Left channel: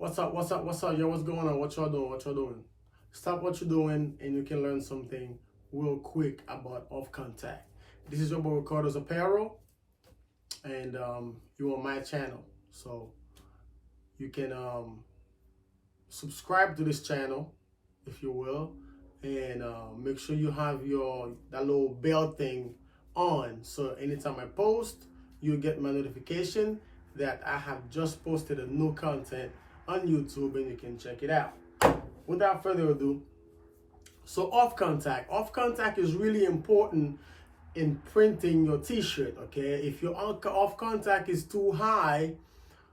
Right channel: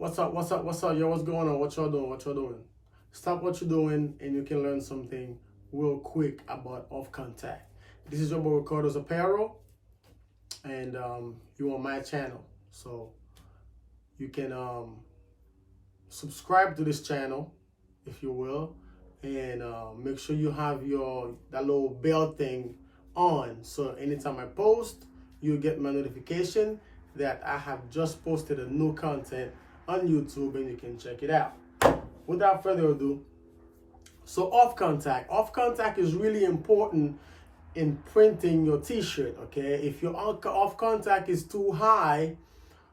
What's up? What's up? What's up? Yo, what's going on? What y'all doing? What y'all doing? Stop what you're doing and you can learn something real quick about off contact. This is your boy Ricardo's Apparel, and you're on my channel. So you can subscribe to this channel if you will, and make sure you have that little bell thing on, so anytime I post, you'll get my notification that I have just posted a new content on YouTube and you can check it out. Without further ado, so off contact is really important in printing your t-shirt. Okay, if your off contact is too high,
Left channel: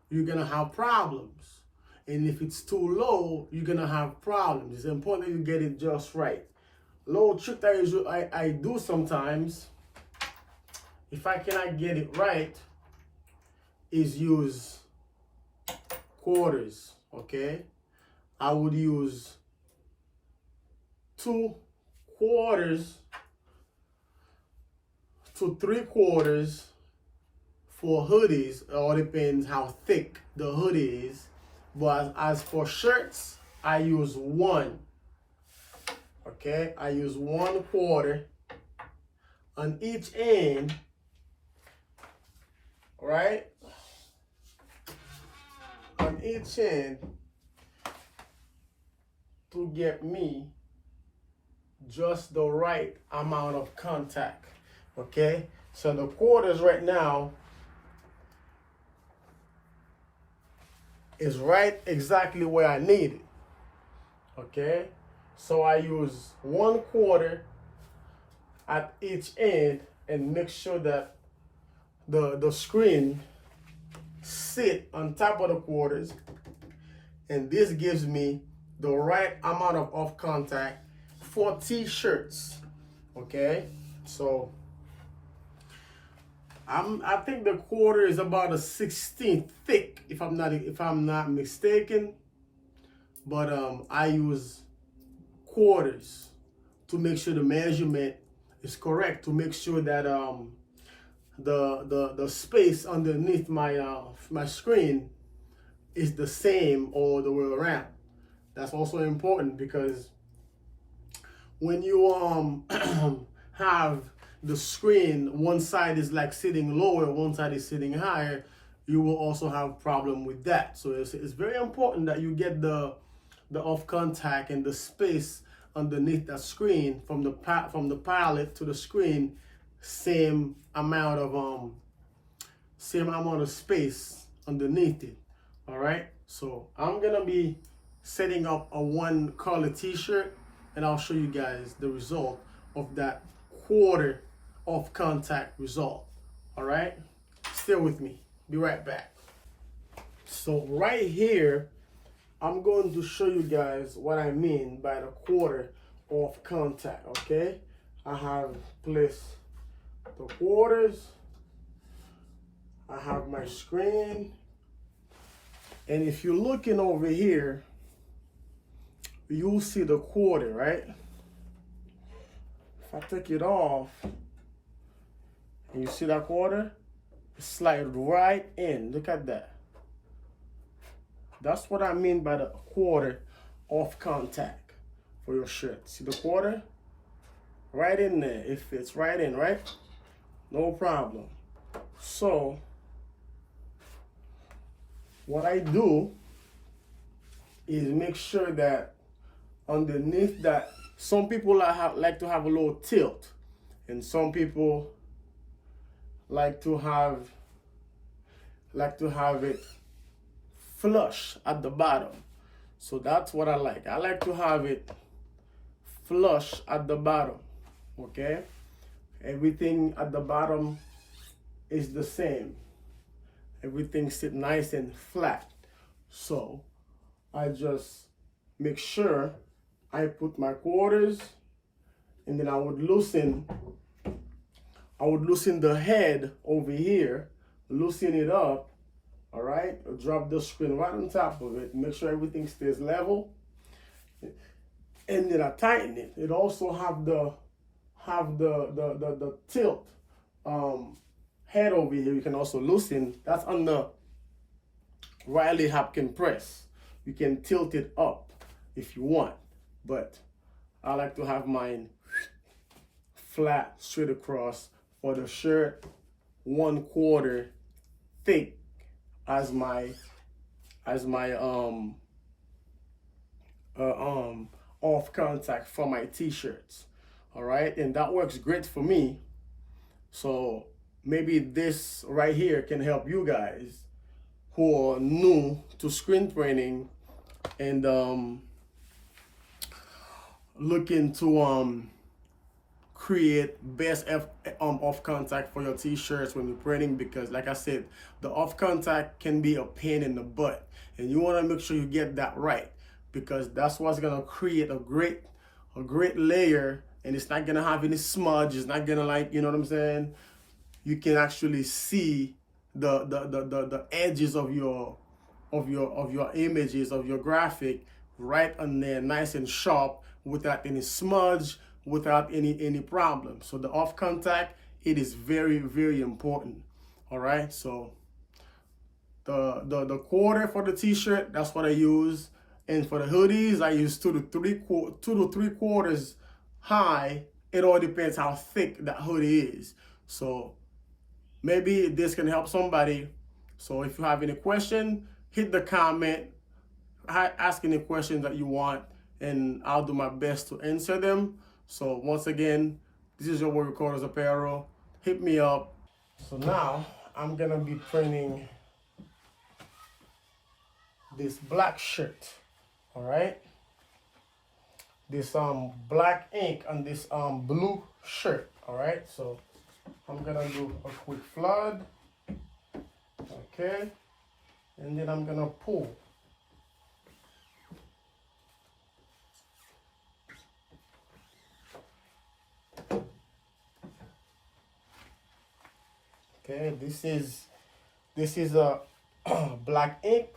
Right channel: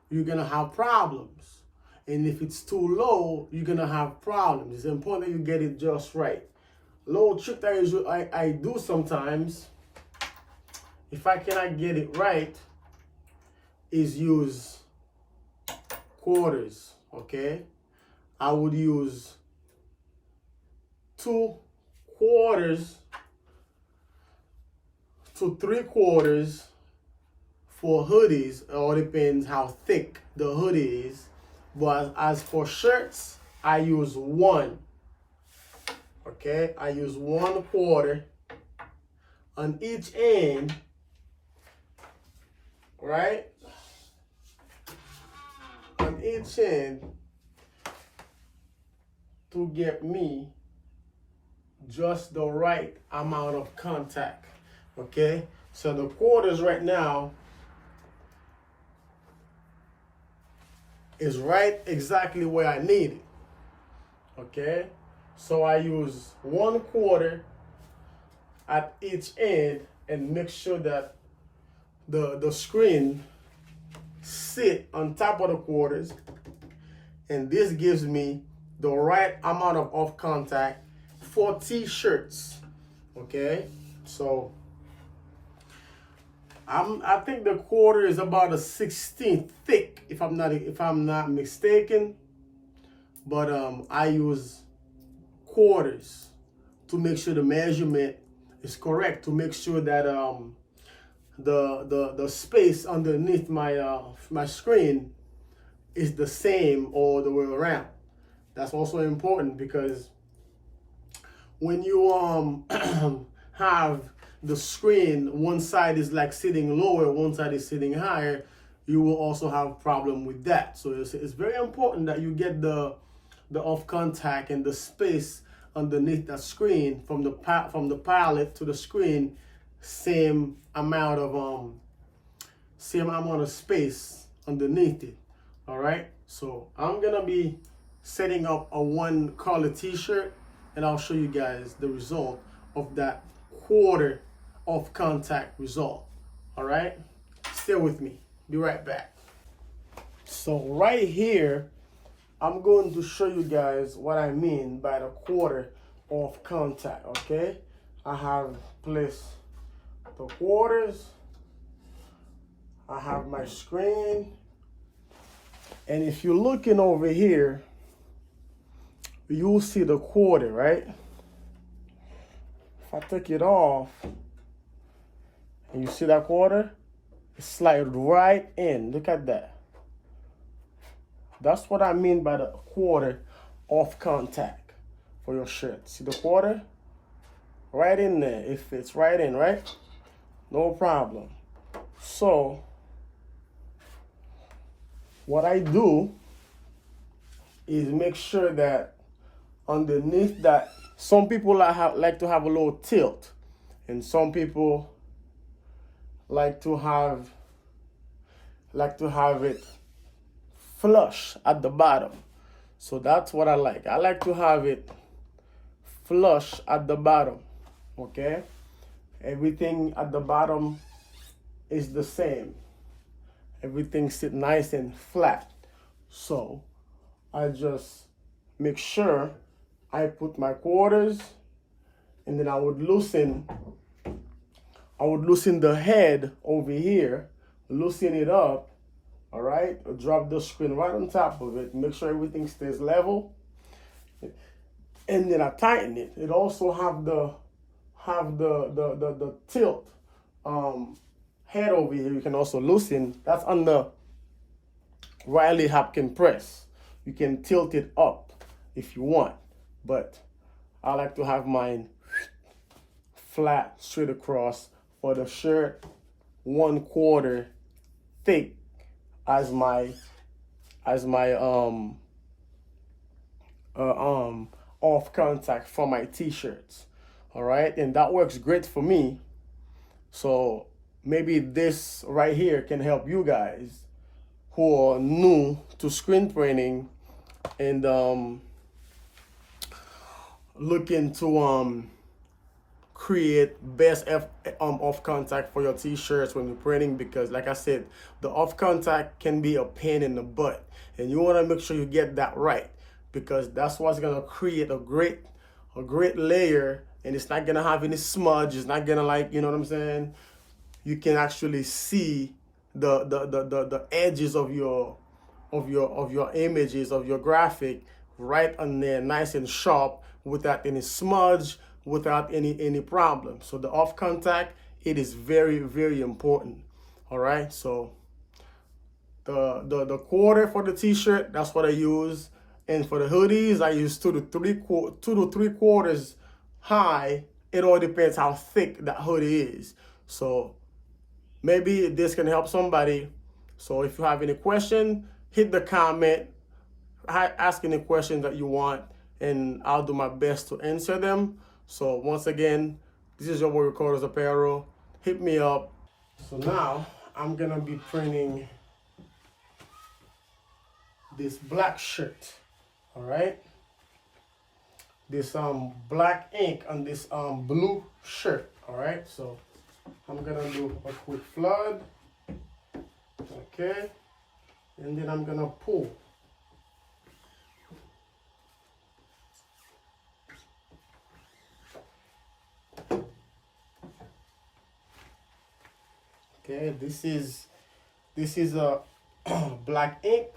you're gonna have problems, and if it's too low, you're gonna have problems. It's important that you get it just right. Little trick that I do sometimes, if I cannot get it right, is use quarters. Okay, I would use 2/4 to 3/4 for hoodies. It all depends how thick the hoodie is. But as for shirts, I use 1. Okay, I use 1/4 on each end, right? On each end, to get me just the right amount of contact. Okay, so the quarters right now is right exactly where I need it. Okay, so I use 1/4 at each end and make sure that the screen sit on top of the quarters, and this gives me the right amount of off contact for t-shirts. Okay, so I think the quarter is about a 1/16 thick, if I'm not mistaken. But I use quarters to make sure the measurement is correct, to make sure that the space underneath my screen is the same all the way around. That's also important, because when you have the screen, one side is like sitting lower, one side is sitting higher, you will also have problem with that. So it's very important that you get the off contact and the space underneath that screen from the palette to the screen, same amount of space underneath it. All right, so I'm gonna be setting up a 1 color t-shirt, and I'll show you guys the result of that quarter off contact result. All right, stay with me, be right back. So right here, I'm going to show you guys what I mean by the quarter off contact. Okay, I have placed the quarters, I have my screen, and if you're looking over here, you'll see the quarter, right? If I take it off, and you see that quarter, it slide right in. Look at that. That's what I mean by the quarter off contact for your shirt. See the quarter? Right in there. It fits right in, right? No problem. So what I do is make sure that underneath that, some people like to have a little tilt, and some people like to have it flush at the bottom. So that's what I like. I like to have it flush at the bottom. Okay, everything at the bottom is the same. Everything sit nice and flat. So I just make sure I put my quarters, and then I would loosen the head over here, loosen it up. All right, drop the screen right on top of it, make sure everything stays level, and then I tighten it. It also have the tilt head over here. You can also loosen. That's on the Riley Hopkins press. You can tilt it up if you want, but I like to have mine flat straight across for the shirt, 1/4 thick as my as my off contact for my t-shirts. All right, and that works great for me. So maybe this right here can help you guys who are new to screen printing and looking to create best off contact for your t-shirts when you're printing, because like I said, the off contact can be a pain in the butt, and you want to make sure you get that right, because that's what's gonna create a great layer, and it's not gonna have any smudge. It's not gonna, like, you know what I'm saying, you can actually see the edges of your images, of your graphic, right on there, nice and sharp, without any smudge, without any problem. So the off contact, it is very, very important. All right, so the quarter for the t-shirt, that's what I use. And for the hoodies, I use 2 to 3 quarters high. It all depends how thick that hoodie is. So maybe this can help somebody. So if you have any question, hit the comment, ask any questions that you want, and I'll do my best to answer them. So once again, this is your Warrior Recorders Apparel. Hit me up. So now I'm gonna be printing this black shirt. All right, this black ink on this blue shirt. All right, so I'm gonna do a quick flood. Okay, and then I'm gonna pull. Okay, this is a black ink.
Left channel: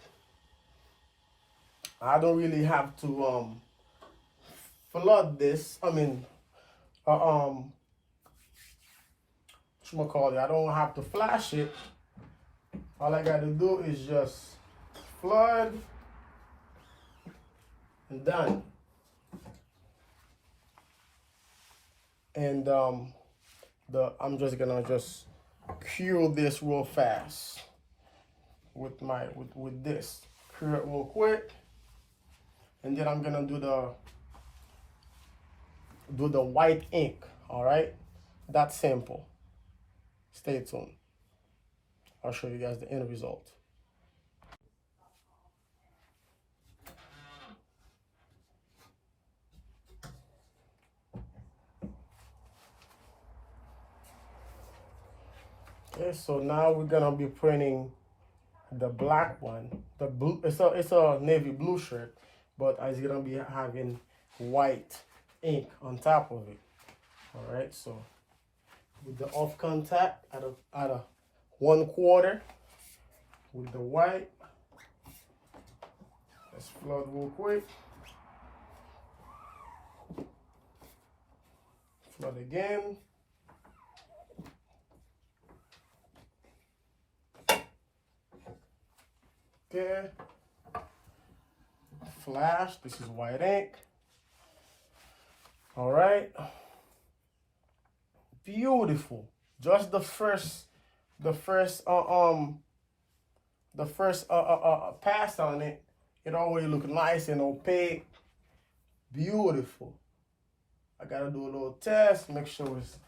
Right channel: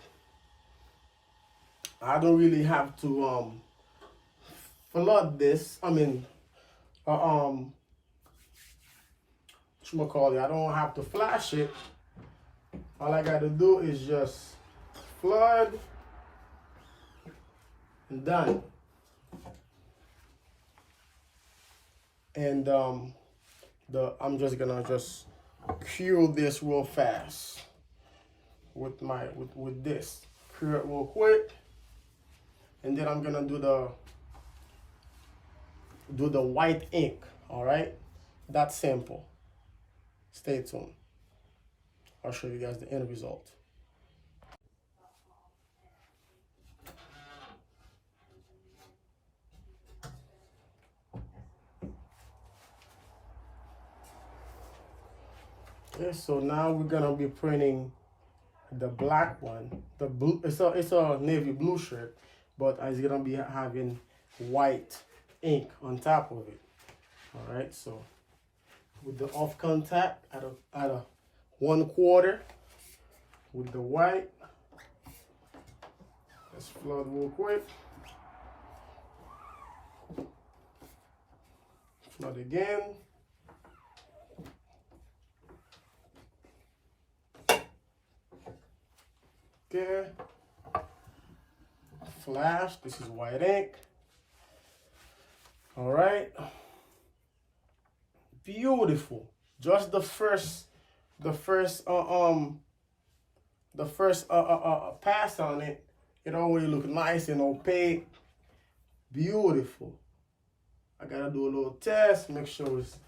I don't really have to flood this. I mean, whatchamacallit, I don't have to flash it. All I got to do is just flood and done. And I'm just gonna cure this real fast with this. Cure it real quick. And then I'm gonna do the white ink. All right, that's simple. Stay tuned. I'll show you guys the end result. Okay, so now we're gonna be printing the black one. The blue, it's a navy blue shirt, but it's gonna be having white ink on top of it. All right, so with the off contact at a 1/4 with the white, let's flood real quick. Flood again. Okay. Flash. This is white ink. All right. Beautiful. Just the first pass on it, it already look nice and opaque. Beautiful. I gotta do a little test, make sure it's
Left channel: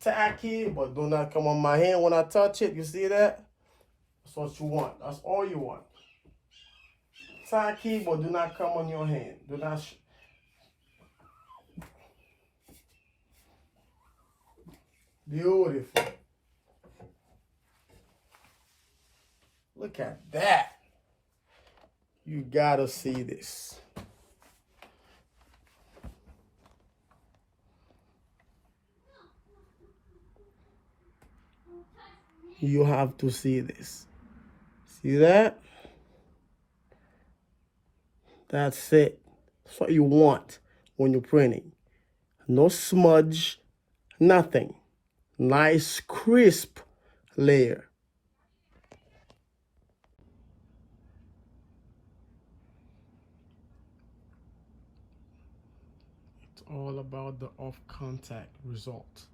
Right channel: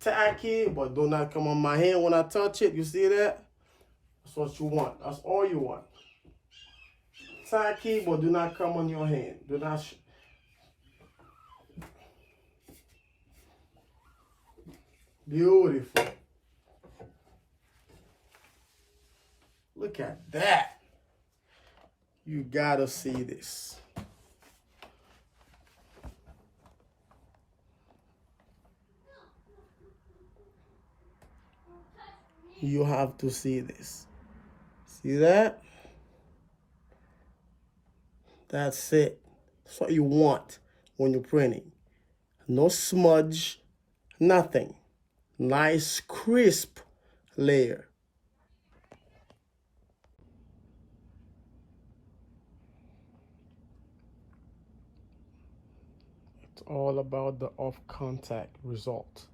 tacky, but do not come on my hand when I touch it. You see that? That's what you want. That's all you want. Tacky, but do not come on your hand. Do not. Beautiful. Look at that. You gotta see this. You have to see this. See that? That's it. That's what you want when you're printing. No smudge, nothing. Nice, crisp layer. It's all about the off contact result.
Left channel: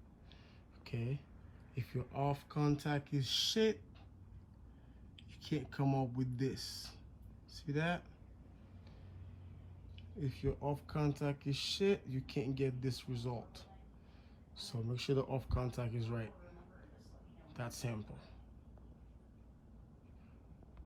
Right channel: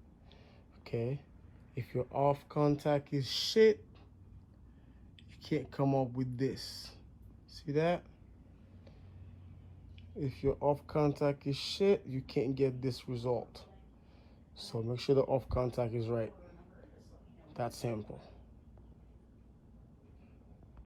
Okay, if your off contact is shit, you can't come up with this. See that? If your off contact is shit, you can't get this result. So make sure the off contact is right. That's simple.